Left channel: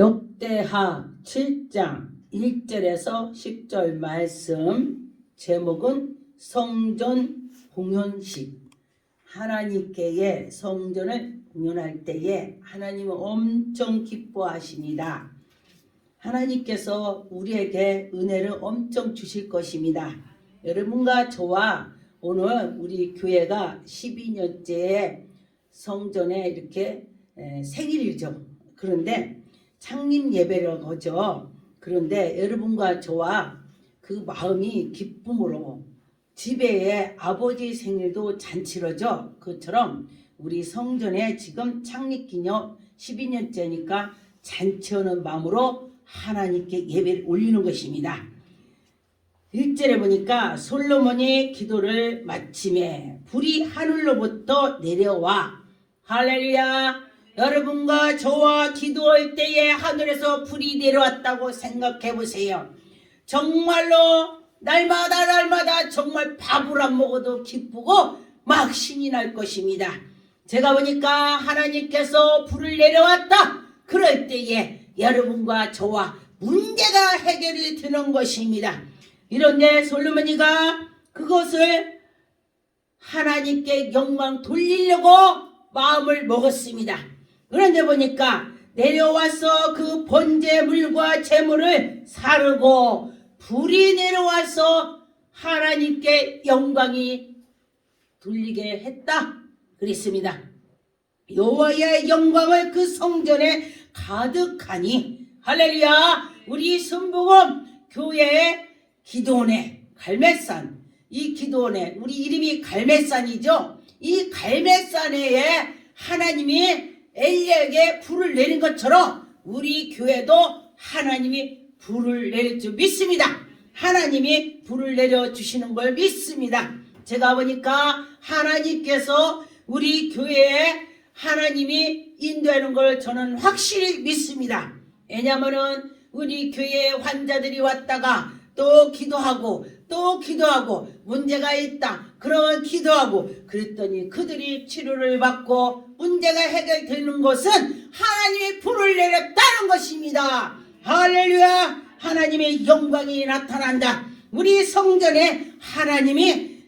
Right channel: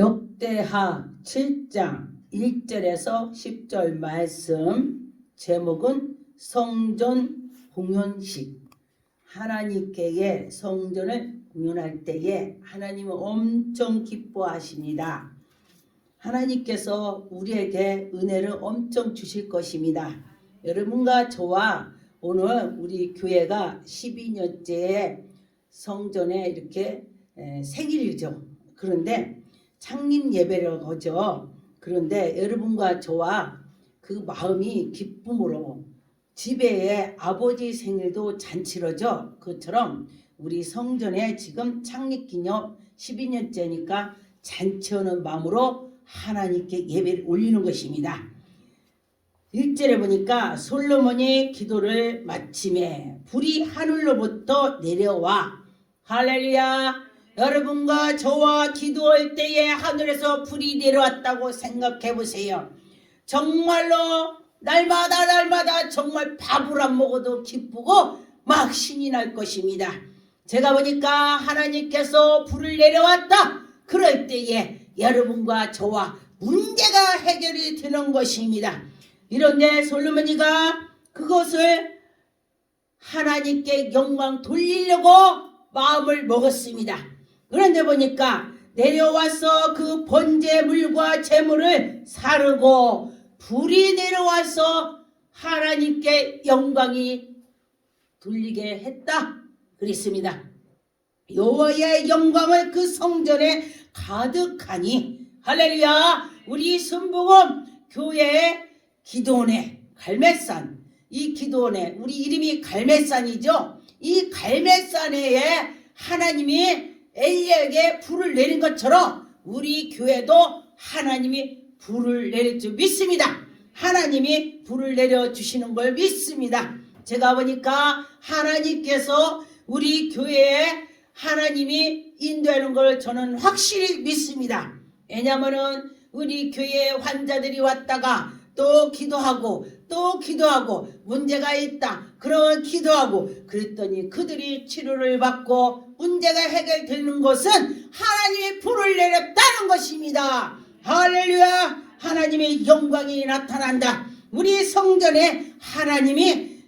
역대하 7장 1절에서 10절 말씀. 제목은 성전 공연식. 하나님께의 성전을 공연할 때에 하나님은 엄청 기뻐하십니다. 하나님께서 우리에게 은혜를 엄청 주실 것입니다. 여러분과 저와 오늘 우리 교회가 12년째 성전에 이렇게 생일이죠. 그런데 창립 예배를 하죠. 그런데 여러분과 저와 그 마음이 기쁨으로 집에 아버지 생일도 잔치로죠. 그처럼 우리 성전에 지금 창립기념 12년째니까 잔치하는 마음으로 하나님께 예배를 올리는 것입니다. 1절에 보니까 솔로몬이 기도를 마침에 불이 하늘로부터 내려와. 할렐루야. 여러분과 저와 기도할 때에 하늘에서 불이 내려왔다고 생각해 보세요. 정말로 날마다 정말 밥을 안 먹어도 기쁘고 막 신이 날 것입니다. 제가 보니까 하나님께서 불을 내려왔다. 그럴 때에 여러분과 저와 문제가 해결이 되는 것입니다. 이런데 솔로몬이가 그것을 하나님께 영광 돌리려고 마음을 먹었습니다. 그런데 보니까 내려와서 그 번제물과 제물을 사르고 불이 내려와서 하나님께 영광이 돌리게 했다 그랬습니다. 여호와의 영광을 그 성전에 가득하니. 할렐루야. 우리 순복음 교회의 기도원의 갈매산, 이 기도원에 우리 이름이 갈매산이죠. 이 갈매산에 하나님이 엘리야에게 불을 내린 것처럼 우리 교회도 하나님이 불을 내릴 줄 믿습니다. 하나님이 불을 내려주시는 걸 믿습니다. 제가 보니까 하나님께서 우리 교회에 하나님이 인도하는 걸 저는 확실히 믿습니다. 왜냐하면 우리 교회에 환자들이 왔다가 또 기도하고 문제가 있다. 그러면 기도하고 그랬더니 그들이 치료를 받고 문제가 해결되는 것은 하나님의 불을 내렸다는 것입니다. 할렐루야. 하나님의 영광이 나타난다. 우리 성전에 하나님의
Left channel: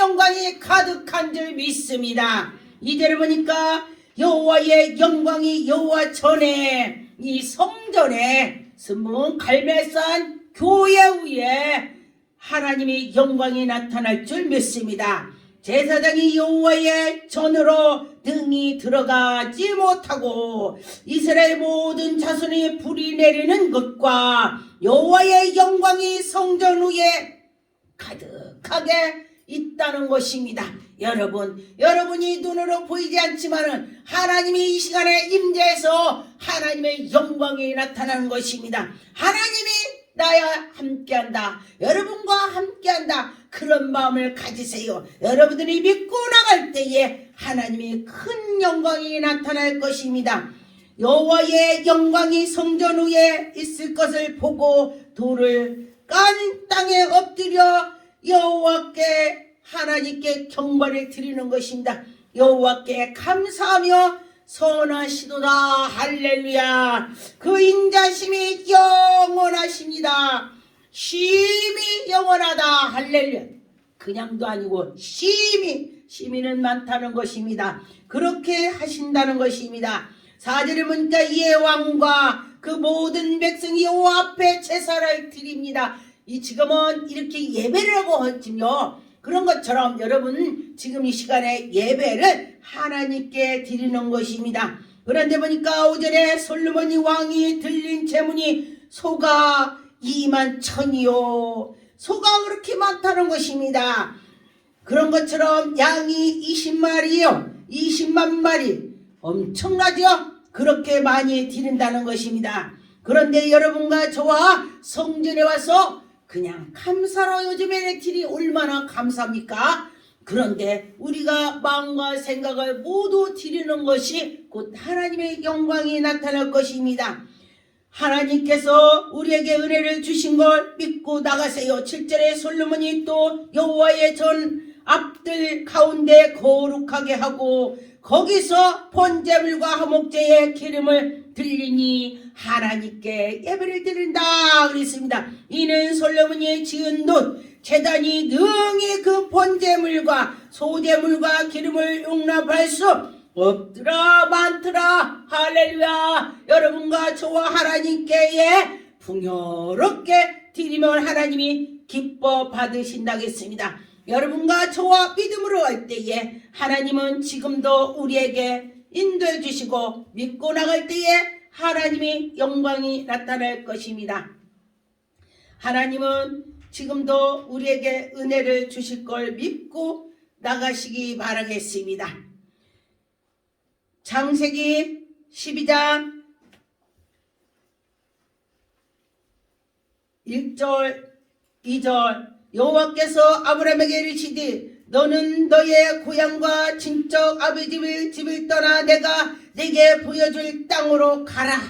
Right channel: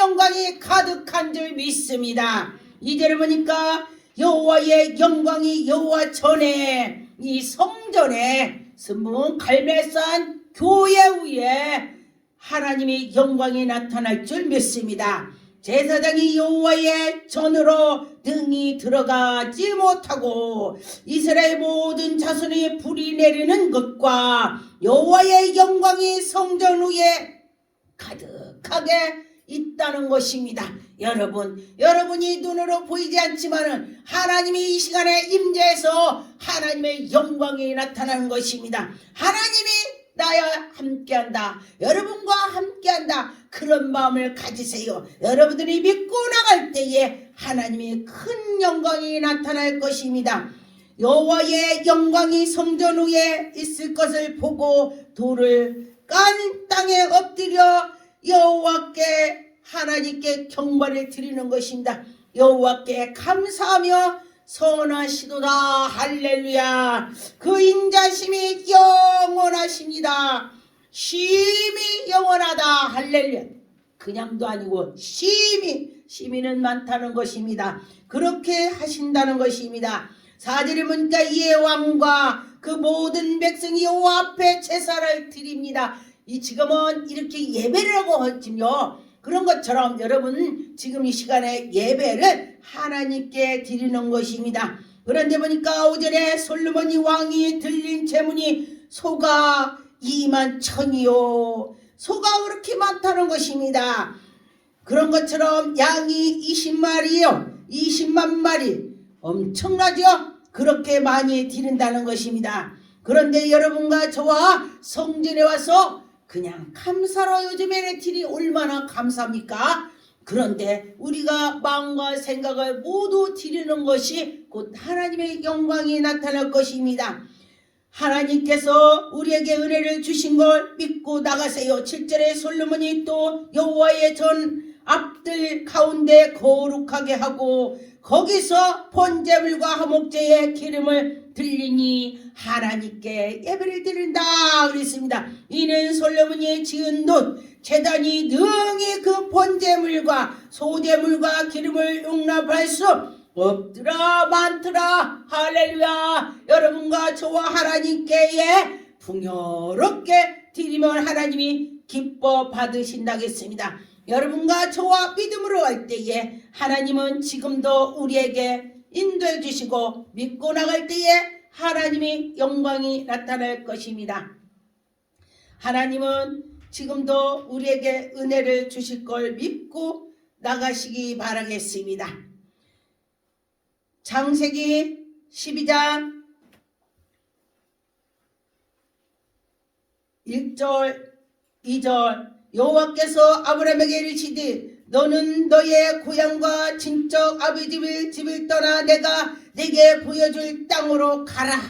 영광이 가득한 줄 믿습니다. 이제를 보니까 여호와의 영광이 여호와 전에 이 성전에 스문 갈매산 교회 위에 하나님의 영광이 나타날 줄 믿습니다. 제사장이 여호와의 전으로 등이 들어가지 못하고 이스라엘 모든 자손이 불이 내리는 것과 여호와의 영광이 성전 위에 가득하게 있다는 것입니다. 여러분이 눈으로 보이지 않지만은 하나님이 이 시간에 임재해서 하나님의 영광이 나타나는 것입니다. 하나님이 나와 함께한다. 여러분과 함께한다. 그런 마음을 가지세요. 여러분들이 믿고 나갈 때에 하나님의 큰 영광이 나타날 것입니다. 여호와의 영광이 성전 위에 있을 것을 보고 돌을 깐 땅에 엎드려 여호와께 하나님께 경배를 드리는 것입니다. 여호와께 감사하며 선하시도다. 할렐루야. 그 인자심이 영원하십니다. 심히 영원하다. 할렐루야. 그냥도 아니고 심히는 많다는 것입니다. 그렇게 하신다는 것입니다. 4절에 보니까 이에 왕과 그 모든 백성이 여호와 앞에 제사를 드립니다. 이 지금은 이렇게 예배를 하고 하지요. 그런 것처럼 여러분 지금 이 시간에 예배를 하나님께 드리는 것입니다. 그런데 보니까 5절에 솔로몬이 왕이 들린 제문이 소가 21,000이요. 소가 그렇게 많다는 것입니다. 그런 것처럼 양이 20마리요. 20만 마리. 엄청나죠? 그렇게 많이 드린다는 것입니다. 그런데 여러분과 저와 성전에 와서 그냥 감사로 요즘에는 딜이 얼마나 감사합니까? 그런데 우리가 마음과 생각을 모두 드리는 것이 곧 하나님의 영광이 나타날 것입니다. 하나님께서 우리에게 은혜를 주신 걸 믿고 나가세요. 7절에 솔로몬이 또 여호와의 전 앞들 가운데 거룩하게 하고 거기서 번제물과 화목제의 기름을 드리니 하나님께 예배를 드린다 그랬습니다. 이는 솔로몬이 지은 돈 제단이 능히 그 번제물과 소제물과 기름을 용납할 수 없더라 많더라. 할렐루야. 여러분과 저와 하나님께 풍요롭게 드리면 하나님이 기뻐 받으신다겠습니다. 여러분과 저와 믿음으로 할 때에 하나님은 지금도 우리에게 인도해 주시고 믿고 나갈 때에 하나님이 영광이 나타날 것입니다. 하나님은 지금도 우리에게 은혜를 주실 걸 믿고 나가시기 바라겠습니다. 창세기 12장 1절 2절 여호와께서 아브라함에게 이르시되 너는 너의 고향과 친척 아비 집을 떠나 내가 네게 보여줄 땅으로 가라.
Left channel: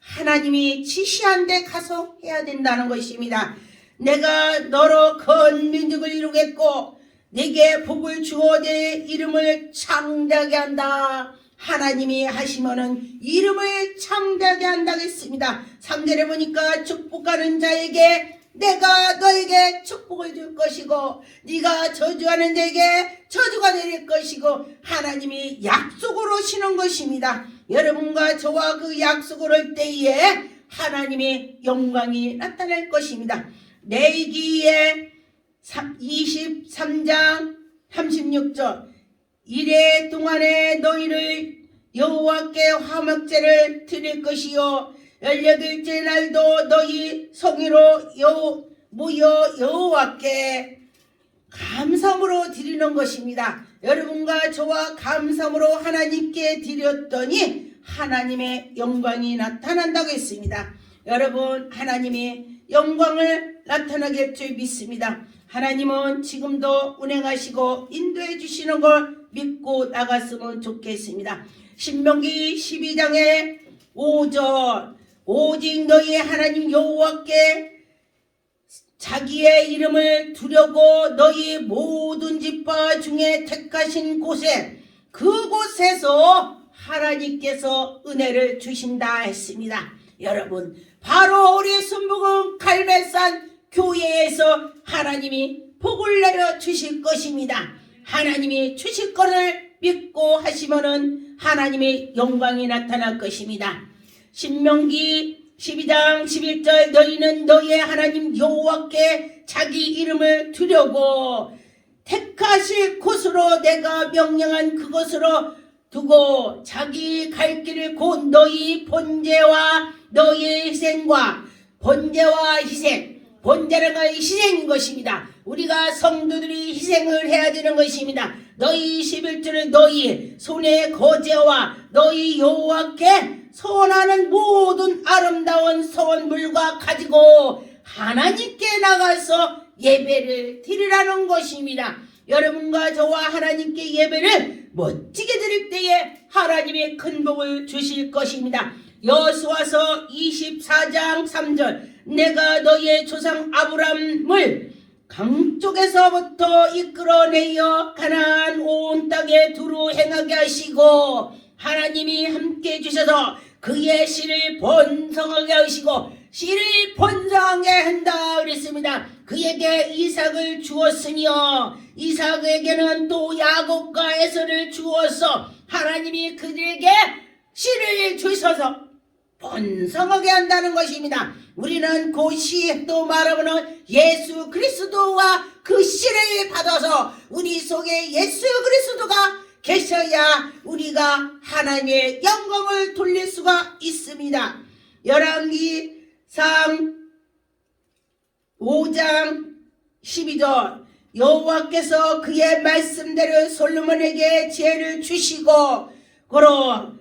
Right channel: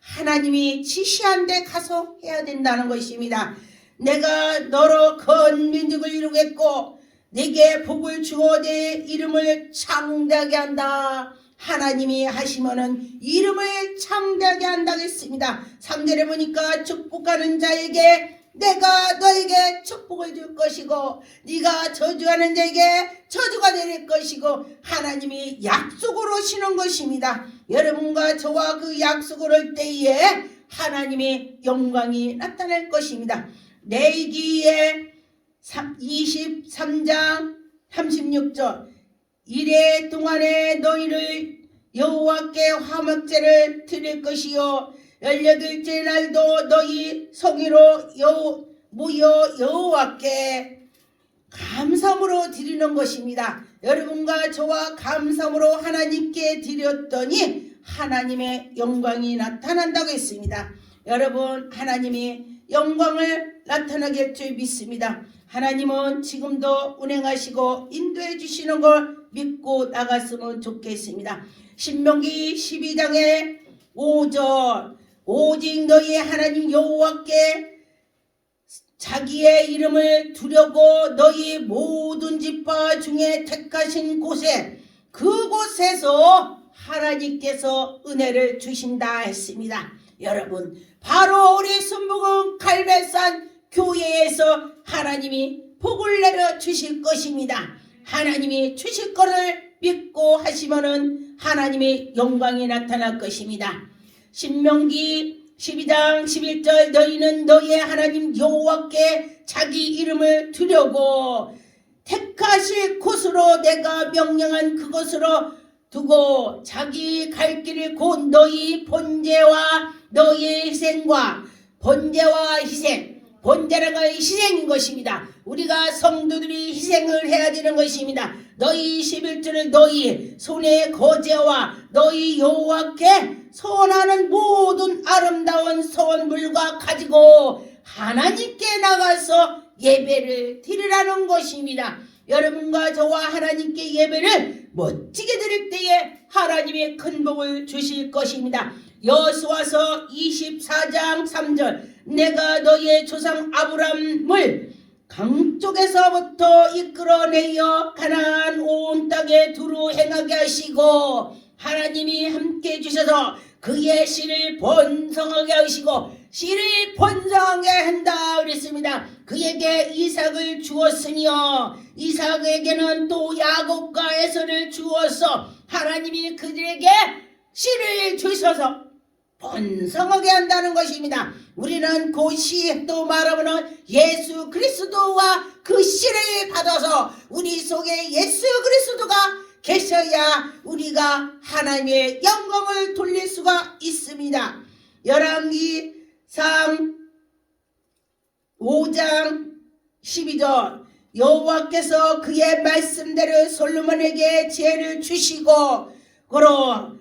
하나님이 지시한 데 가서 해야 된다는 것입니다. 내가 너로 큰 민족을 이루겠고 네게 복을 주어 내 이름을 창대하게 한다. 하나님이 하시면은 이름을 창대하게 한다고 했습니다. 3절에 보니까 축복하는 자에게 내가 너에게 축복을 줄 것이고 네가 저주하는 자에게 저주가 내릴 것이고 하나님이 약속으로 시는 것입니다. 여러분과 저와 그 약속을 할 때에 하나님의 영광이 나타날 것입니다. 레위기의 23장 36절 이래 동안에 너희를 여호와께 화목제를 드릴 것이요 18째 날도 너희 성의로 모여 여호와께 감사함으로 드리는 것입니다. 여러분과 저와 감사함으로 하나님께 드렸더니 하나님의 영광이 나타난다고 했습니다. 여러분 하나님의 영광을 나타나게 할 줄 믿습니다. 하나님은 지금도 운행하시고 인도해 주시는 걸 믿고 나갔으면 좋겠습니다. 신명기 12장의 5절 오직 너희 하나님 여호와께 자기의 이름을 두려고 너희 모든 지파 중에 택하신 곳에 그곳에서 하나님께서 은혜를 주신다 했습니다. 여러분 바로 우리 순복음 갈매산 교회에서 하나님이 복을 내려 주실 것입니다. 하나님이 주실 것을 믿고 하시면은 하나님의 영광이 나타날 것입니다. 신명기 12장 11절 너희는 너희의 하나님 여호와께 자기 이름을 두려고 택하실 곳으로 내가 명령한 그곳으로 두고 자기 갈 길을 곧 너희 번제와 너희의 희생과 번제와 희생 번제라는 건 희생인 것입니다. 우리가 성도들이 희생을 해야 되는 것입니다. 너희 11조를 너희 손의 거제와 너희 여호와께 선하는 모든 아름다운 선물과 가지고 하나님께 나가서 예배를 드리라는 것입니다. 여러분과 저와 하나님께 예배를 멋지게 드릴 때에 하나님의 큰 복을 주실 것입니다. 여호수아서 24장 3절 내가 너의 조상 아브람을 강쪽에서부터 이끌어내어 가나안 온 땅에 두루 행하게 하시고 하나님이 함께 해주셔서 그의 씨를 번성하게 하시고 씨를 번성하게 한다 그랬습니다. 그에게 이삭을 주었으며 이삭에게는 또 야곱과 에서를 주어서 하나님이 그들에게 씨를 주셔서 번성하게 한다는 것입니다. 우리는 그 씨 또 말하면 예수 그리스도와 그 씨를 받아서 우리 속에 예수 그리스도가 계셔야 우리가 하나님의 영광을 돌릴 수가 있습니다. 열왕기상 5장 12절 여호와께서 그의 말씀대로 솔로몬에게 지혜를 주시고 그로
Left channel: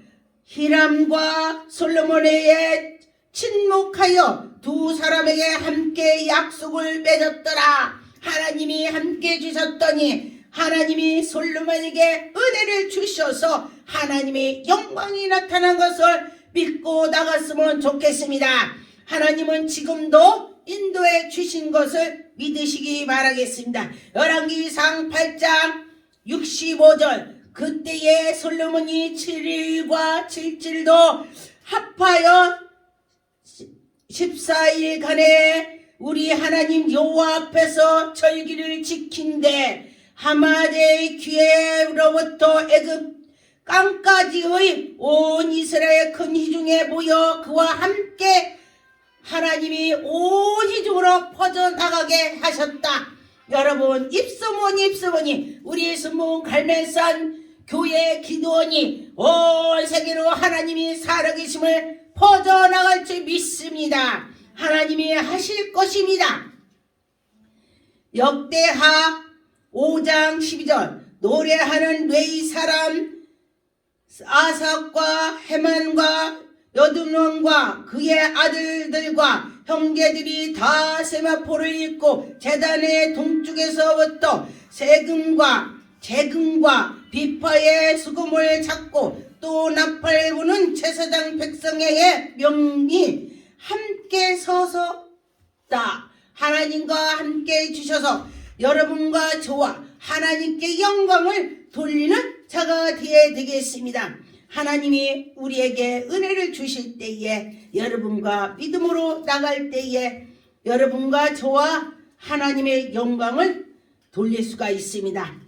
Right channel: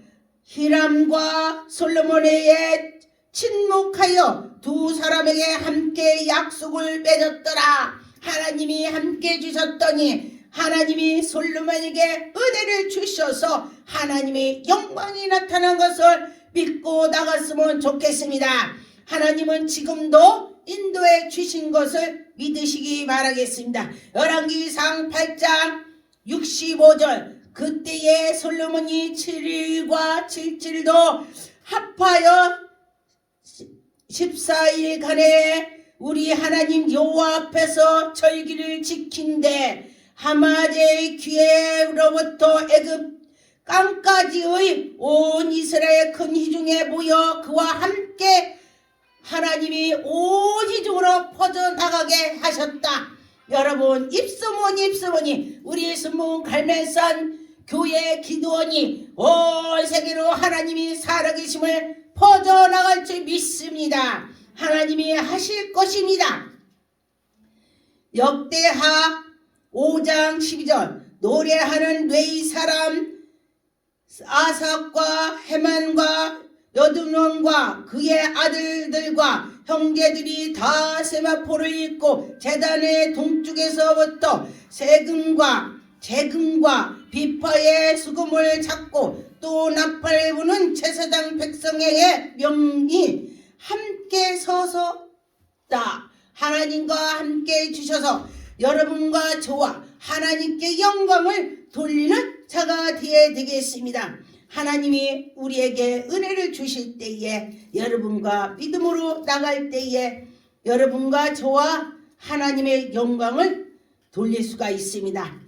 히람과 솔로몬에게 친목하여 두 사람에게 함께 약속을 맺었더라. 하나님이 함께 주셨더니 하나님이 솔로몬에게 은혜를 주셔서 하나님의 영광이 나타난 것을 믿고 나갔으면 좋겠습니다. 하나님은 지금도 인도해 주신 것을 믿으시기 바라겠습니다. 열왕기상 8장 65절 그때에 솔로몬이 7일과 7일도 합하여 14일간에 우리 하나님 여호와 앞에서 절기를 지킨데 하마대의 귀에로부터 애굽 땅까지의 온 이스라엘 큰 희중에 모여 그와 함께 하나님이 온 희중으로 퍼져나가게 하셨다. 여러분, 입소문이 우리 순문 갈멜산 교회 기도원이 온 세계로 하나님이 살아계심을 퍼져나갈 줄 믿습니다. 하나님이 하실 것입니다. 역대하 5장 12절 노래하는 뇌의 사람 아삭과 헤만과 여두문과 그의 아들들과 형제들이 다 세마포를 입고 제단의 동쪽에서부터 세금과 재금과 비파의 수금을 잡고 또 나팔을 부는 제사장 백성의 명이 함께 서서다. 하나님과 함께 주셔서 여러분과 저와 하나님께 영광을 돌리는 자가 되어야 되겠습니다. 하나님이 우리에게 은혜를 주실 때에 여러분과 믿음으로 나갈 때에 여러분과 저와 하나님의 영광을 돌릴 수가 있습니다.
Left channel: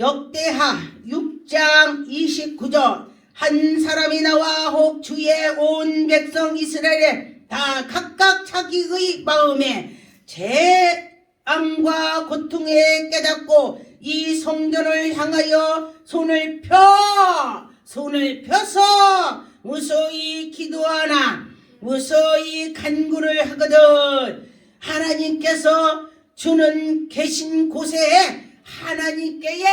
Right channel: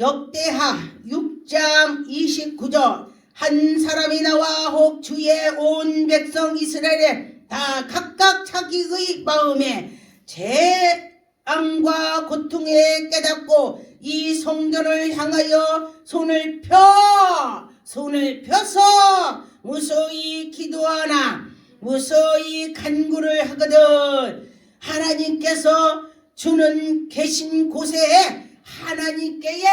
역대하 6장 29절 한 사람이 나와 혹 주의 온 백성 이스라엘에 다 각각 자기의 마음에 재앙과 고통에 깨닫고 이 성전을 향하여 손을 펴서 무소히 기도하나 무소히 간구를 하거든 하나님께서 주는 계신 곳에 하나님께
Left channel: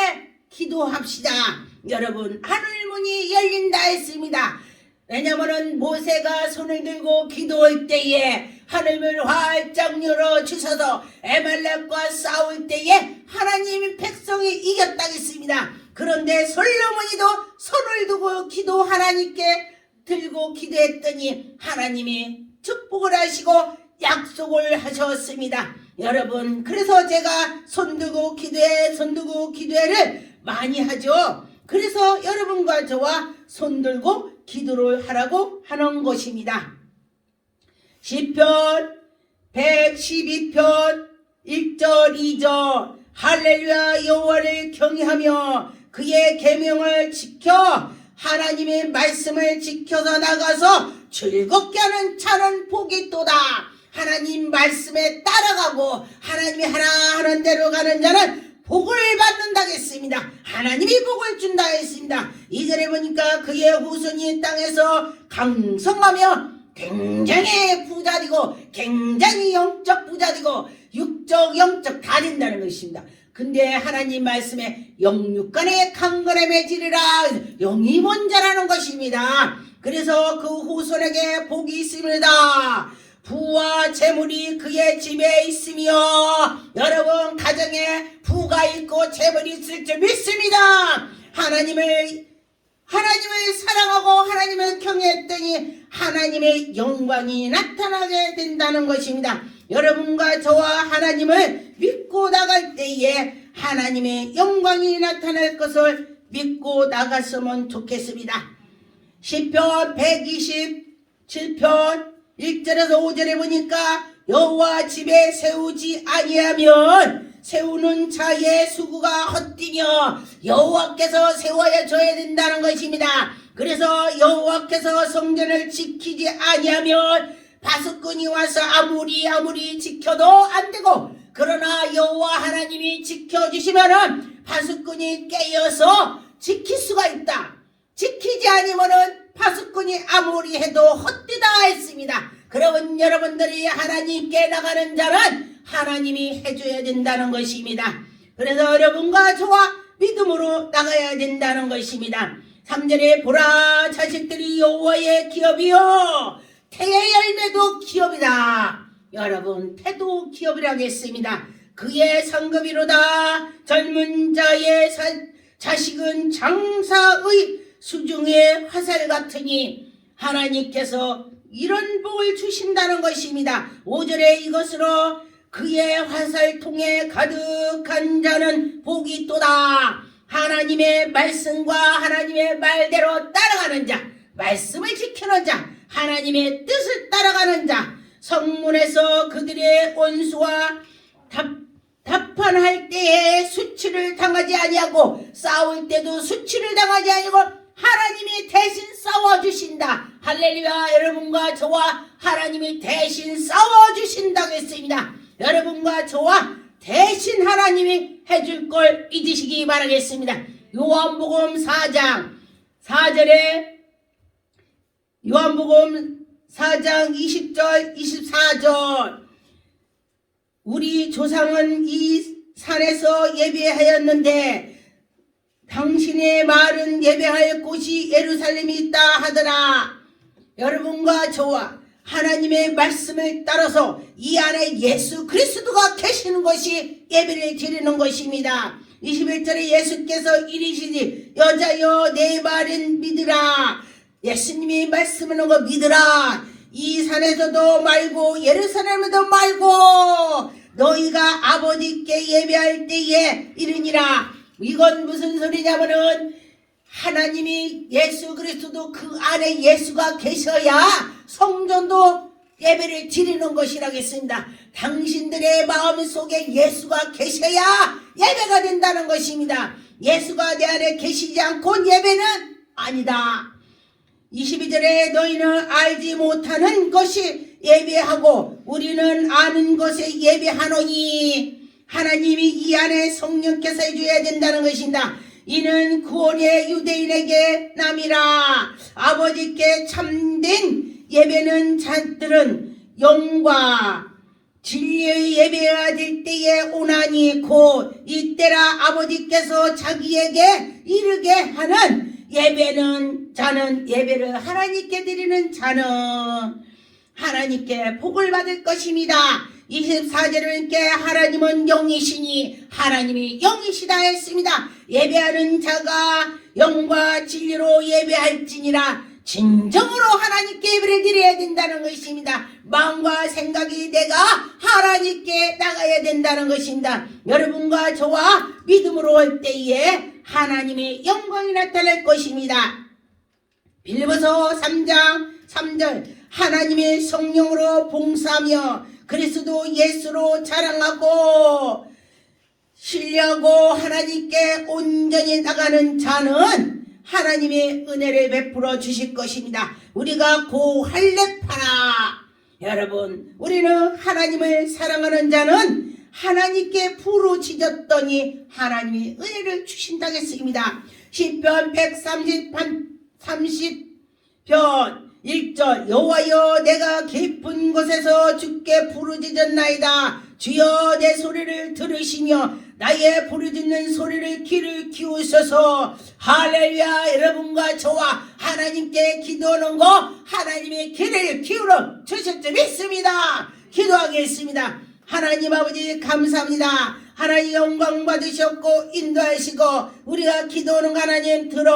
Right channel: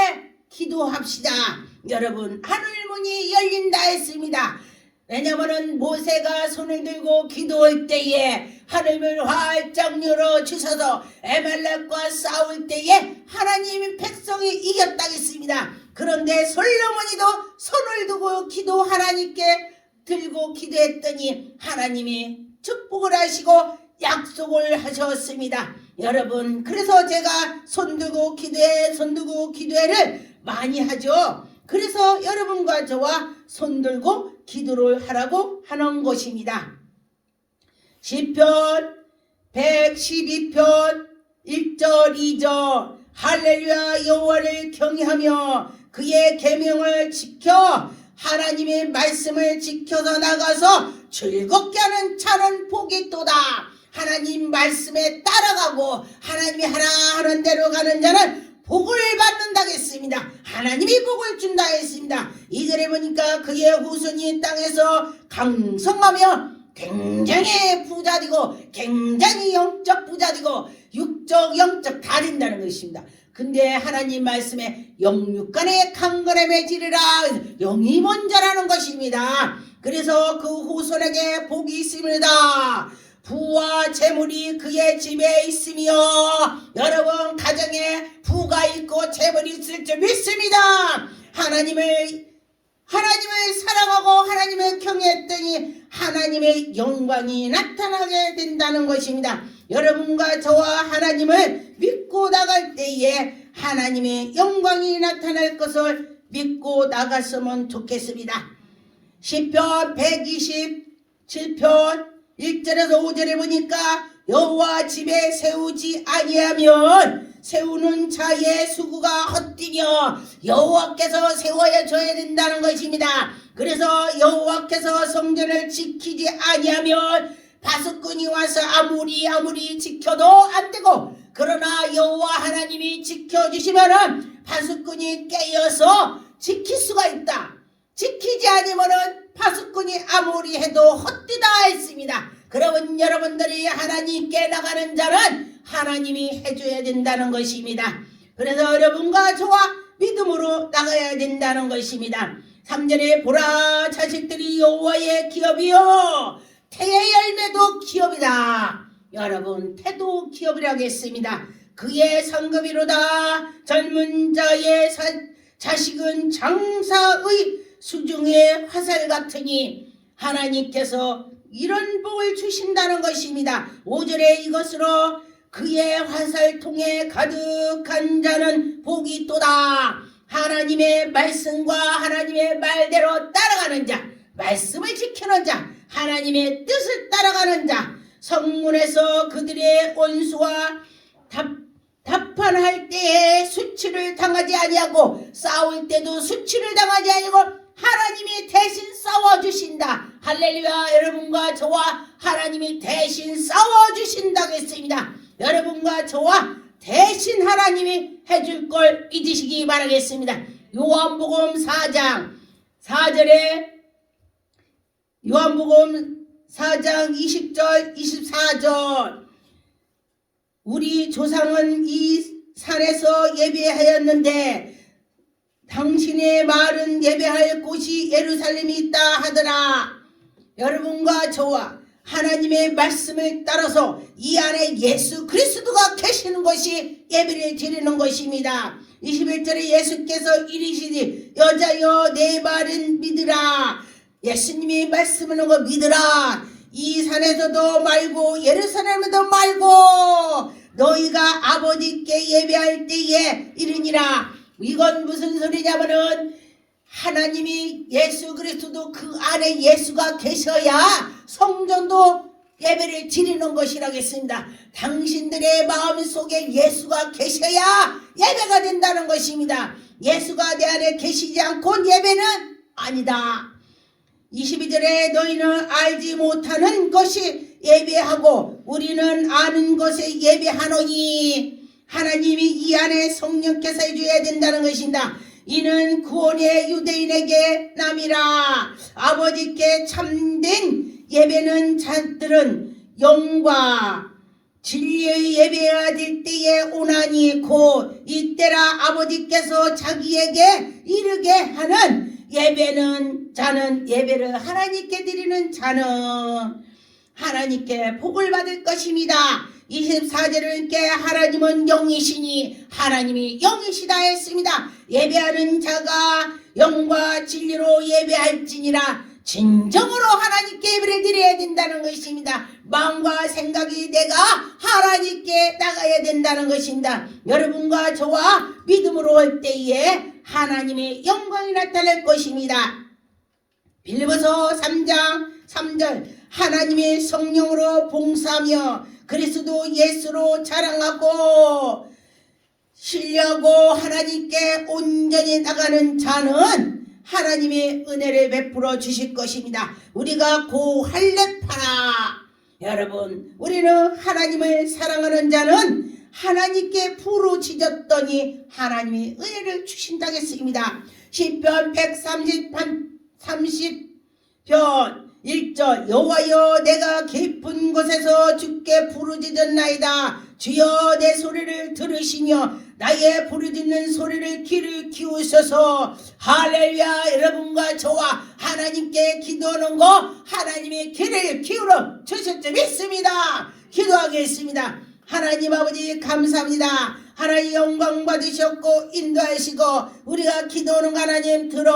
기도합시다. 여러분, 하늘문이 열린다 했습니다. 왜냐하면 모세가 손을 들고 기도할 때에 하늘을 활짝 열어 주셔서 에말렉과 싸울 때에 하나님이 백성이 이겼다 했습니다. 그런데 솔로몬이도 손을 두고 기도 하나님께 들고 기도했더니 하나님이 축복을 하시고 약속을 하셨습니다. 여러분, 그래서 제가 손들고 기도해를 많이 하죠. 그래서 여러분과 저와 손들고 기도를 하라고 하는 것입니다. 시편 112편 1절 2절 할렐루야 여호와를 경외하며 그의 계명을 지켜 하나님의 말씀을 지켜서 나가서 즐겁게 하는 자는 복이 있도다. 하나님 말씀에 따라가고 하나님이 하라 하는 대로 가는 자는 복을 받는다 했습니다. 하나님이 복을 준다 했습니다. 이절에 보니까 그의 후손이 땅에서 강성하며 굉장히 부자되고 굉장히 영적 부자되고 육적 영적 다 된다는 것입니다. 근데 하나님 말씀에 영육간에 강건함에 지르라 영이 먼저라는 것입니다. 그래서 그 후손에게 복이 있습니다. 부와 재물이 그의 집에 있으며 여러분 가정에 부가 있고 재물이 있을 줄 믿습니다. 하나님을 사랑하고 하나님을 경외했더니 하나님의 영광이 나타나게 된다는 것입니다. 여러분과 저와 하나님을 믿고 나갈 때에 하나님의 영광이 나타날 것을 믿고 나갔으면 좋겠습니다. 시편 127편 1절에서 5절에 보니까 여호와 집에 세우지 아니하면 세우는 자의 수고가 헛되며 여호와께서 세워야 줘야 된다는 것입니다. 그래서 여호와께서 성전을 지키지 아니하면 파수꾼이 와서 아무리 지켜도 안 되고 그러나 여호와 하나님이 지켜주시면은 파수꾼이 깨어서 지킬 수가 있다. 지키지 않으면은 파수꾼이 아무리 해도 헛되다 했습니다. 그러면 여러분들이 하나님께 나가는 자는 하나님이 해줘야 된다는 것입니다. 그래서 여러분과 저와 믿음으로 나가야 된다는 것입니다. 3절에 보라 자식들이 여호와의 기업이요 태의 열매도 기업이다. 여러분, 태도 기업이라겠습니다. 그의 상급이로다. 젊은 자의 자식은 장사의 수중의 화살 같으니 하나님께서 이런 복을 주신다는 것입니다. 5절에 이것으로 그의 화살통에 가득한 자는 복이 있도다. 하나님의 말씀과 하나님의 말대로 따라가는 자, 말씀을 지키는 자, 하나님의 뜻을 따라가는 자, 성문에서 그들의 원수와 답판할 때에 수치를 당하지 아니하고 싸울 때도 수치를 당하지 아니하고 하나님이 대신 싸워주신다. 할렐루야. 여러분과 저와 하나님이 대신 싸워주신다고 했습니다. 여러분과 저와 대신 하나님이 해줄 걸 잊으시기 바라겠습니다. 요한복음 4장 4절에 요한복음 4장 20절 24절 우리 조상은 이 산에서 예배하였는데 당신의 말은 예배할 곳이 예루살렘이 있다 하더라. 여러분과 저와 하나님의 말씀을 따라서 이 안에 예수 그리스도가 계시는 것이 예배를 드리는 것입니다. 21절에 예수께서 이르시니 여자여 내 말은 믿으라. 예수님이 말씀하는 거 믿으라. 이 산에서도 말고 예루살렘에도 말고 너희가 아버지께 예배할 때에 이르니라. 이건 무슨 소리냐면은 하나님이 예수 그리스도도 그 안에 예수가 계셔야 성전도 예배를 드리는 것이라겠습니다. 당신들의 마음속에 예수가 계셔야 예배가 된다는 것입니다. 예수가 내 안에 계시지 않고 예배는 아니다. 22절에 너희는 알지 못하는 것이 예배하고 우리는 아는 것에 예배하노니 하나님이 이 안에 성령께서 해줘야 된다는 것입니다. 이는 구원의 유대인에게 남이라. 아버지께 참된 예배는 자들은 영과 진리의 예배가 될 때에 오나니 곧 이때라. 아버지께서 자기에게 이르게 하는 예배는 자는 예배를 하나님께 드리는 자는 하나님께 복을 받을 것입니다. 24절에 하나님은 영이시니 하나님이 영이시다 했습니다. 예배하는 자가 영과 진리로 예배할지니라. 진정으로 하나님께 예배를 드려야 된다는 것입니다. 마음과 생각이 내가 하나님께 나가야 된다는 것입니다. 여러분과 저와 믿음으로 할 때에 하나님의 영광이 나타날 것입니다. 빌립보서 3장 3절 하나님의 성령으로 봉사하며 그리스도 예수로 자랑하고 신뢰하고 하나님께 온전히 나가는 자는 하나님의 은혜를 베풀어 주실 것입니다. 우리가 고할례파라. 여러분 우리는 하나님을 사랑하는 자는 하나님께 부르짖었더니 하나님이 은혜를 주신다고 했습니다. 시편 130편 1절 여호와여 내가 깊은 곳에서 주께 부르짖었나이다. 주여 내 소리를 들으시며 나의 부르짖는 소리를 귀를 키우소서. 할렐루야. 여러분과 저와 하나님께 기도하는 거 하나님의 귀를 기울여 주실 줄 믿습니다. 기도하겠습니다. 하나님 아버지 감사합니다. 하나님 영광 받으셨고 인도하시고 우리가 기도하는 하나님 들어